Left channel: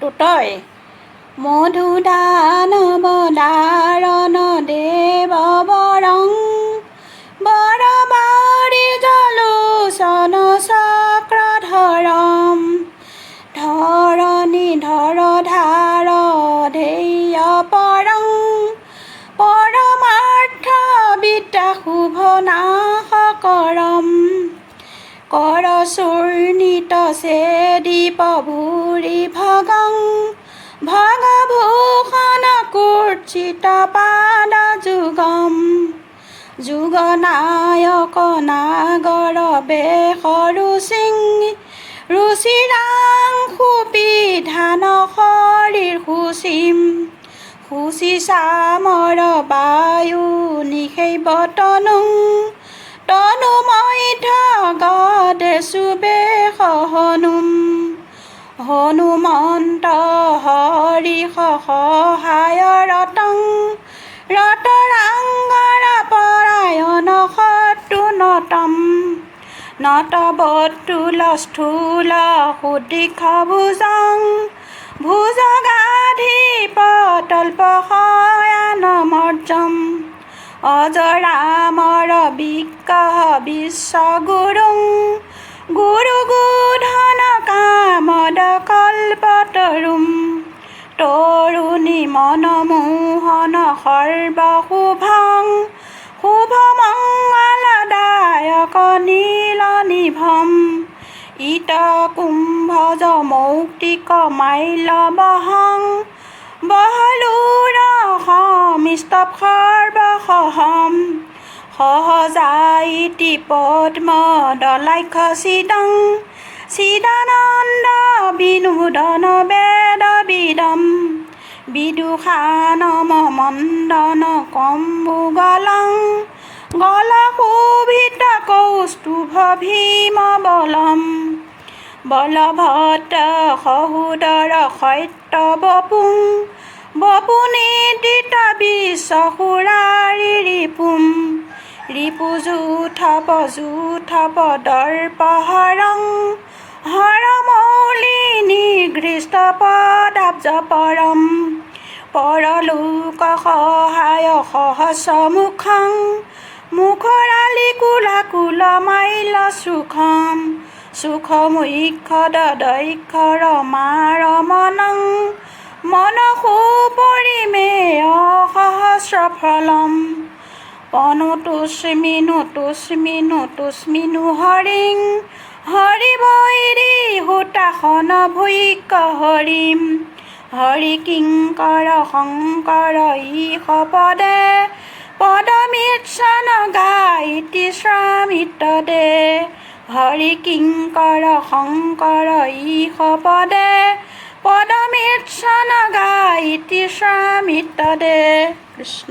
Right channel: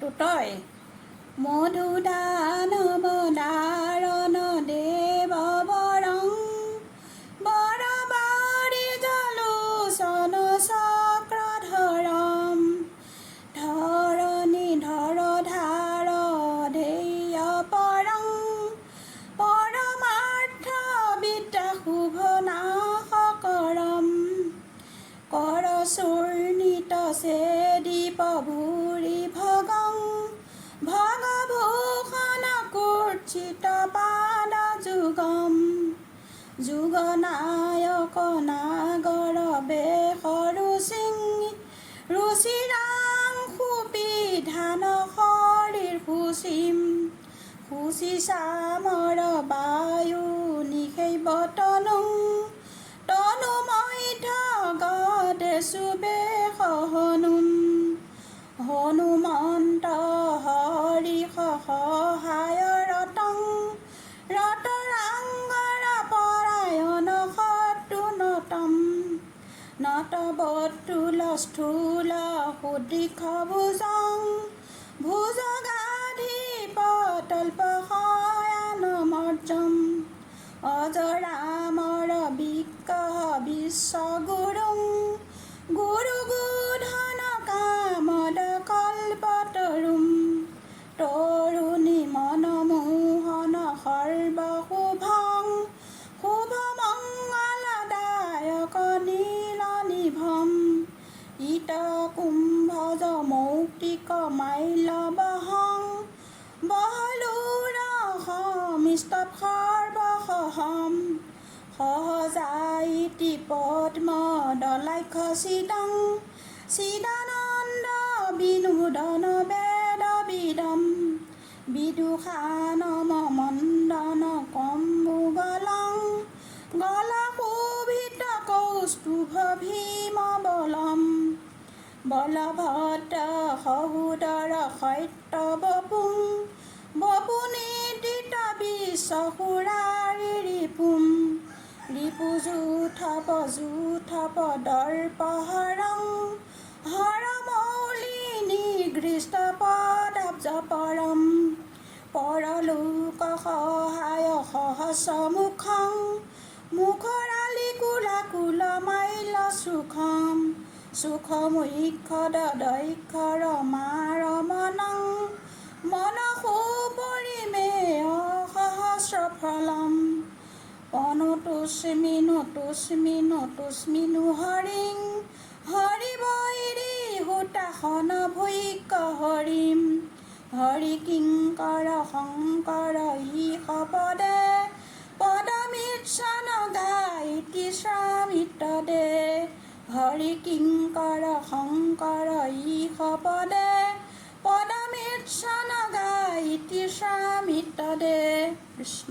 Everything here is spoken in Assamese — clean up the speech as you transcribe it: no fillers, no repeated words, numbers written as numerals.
তই মধুদানবদাৰণ দেৱ বৰং বৰবাৰী জলোচন চক্ৰধৰম ধৰণী ধৰধাৰ ধেয় পৰং পৰমাৰ্থ বিদ্যা শুভ নাশকৰম কৰচূৰ্ণিত চেদীপ ভূৰি ভগং ভগভূষণ কূৰ্চিত পাদ যুগম যুগনায়ক নাগৰ বেশ ৰুচিৰাংশু বিধান শৰীৰ সূচী চামৰ বায়ু নিষেৱ তনু মধ্য গদে সুবেশ হনুমন্ত হৰি সহায় ৰতৰাংগৰ পৰায়ণ শত্ৰু নতবতুল স্থূল সুদীৰ্ঘ ভুজগাধিপতল্প শয়ান মৰ্যম অজৰামৰ বিগ্ৰহ বিশ্বগুৰুং গুৰুগোধন কামদ কল্পতৰুম তৰুণী মনমোহন সৰ্বশুভং শুভমঙ্গলদায়ক নীলনিভম ইত কুম্ভজ মৌক্তিক মাল্যবহং বহলুৰ সমিস্তৱ সৰ্বসহম সহজাইতি পদ্ম দলাক্ষ চিদানন্দ বিনোদন বেদ বিদম বিদুষানম মন্দন কম্বুগলং গলশোভিত কৌস্তুভ ভীম বলভদ্ৰ সহোদৰ সত্য বপুনিদিত বিশ্বসুৰাৰি ৰিপুযুথপ দৰ্পহৰং হৰমৌলি নিগৃষ্ট পদাব্জ পৰম পৰলোক সহায় সহস্ৰমুখং মুখৰালি কুলাকুল মাল্য সুখমুখ্যদ দৈক্ষৰ মাৰমণং মনসু পৰিমেয় সহস্ৰফলম অনুতুস্মিনু হৰিং হৰিবৈৰী হুতাসন ভৈক্য হৰিম হৰি কিংকৰ শংকৰ ঈশ পদে পদমিচ্ছন গায়িতি শ্ৰামিত দে হৰি কিংকৰ শংকৰ ঈশ পদে পদমিচ্ছন গায়িতি শ্ৰামিত দে কৃষ্ণ।